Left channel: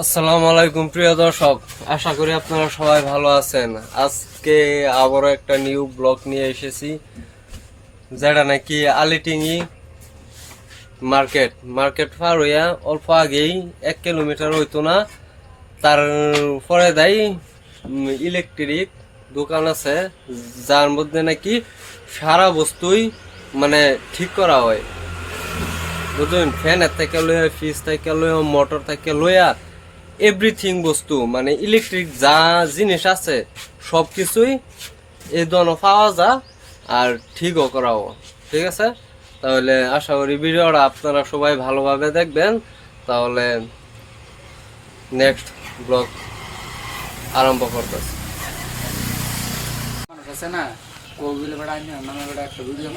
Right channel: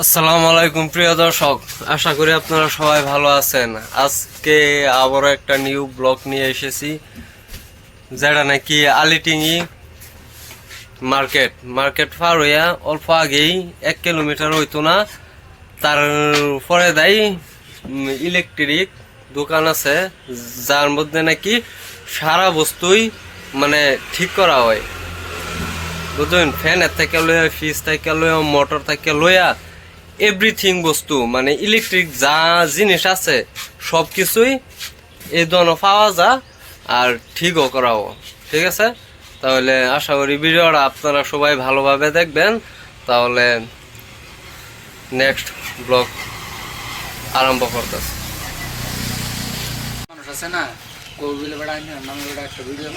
আসসালামু আলাইকুম প্রিয় দর্শক, আশা করি আপনারা সবাই ভালো আছেন। আজকে আবারও একটা নিউ ব্লগ নিয়ে এসেছি, যেটা নাকি আলিটিঙ্গি মার্কেট পার হইয়া অল্প আগেই 1 কিলোমিটার হইতো না, তারপরে দেয় ইলেকট্রিক দোকান আছে, যার মধ্যে নাকি সারা বস্তুই মানে ঠিক করা হয়। বুঝলেন, ফ্যানের থেকে লইয়া, ফ্রিজ থেকে লইয়া, মোটর থেকে লইয়া এভরিথিং বস্তু মানে ইলেকট্রিক যা জিনিস আছে সব কিছুই এই ধরনের পাওয়া যায় আর ঠিকও করাও। ঠিক আছে, তাহলে আশা করি ভিডিওটা আপনারা সবাই ভালোভাবে দেখবেন। তাহলে নেক্সট ব্লগ আরম্ভ করতেছে। মানুষ আছে না কোবিলে বেড়া আমি নামে বেড়া একটা ভিডিও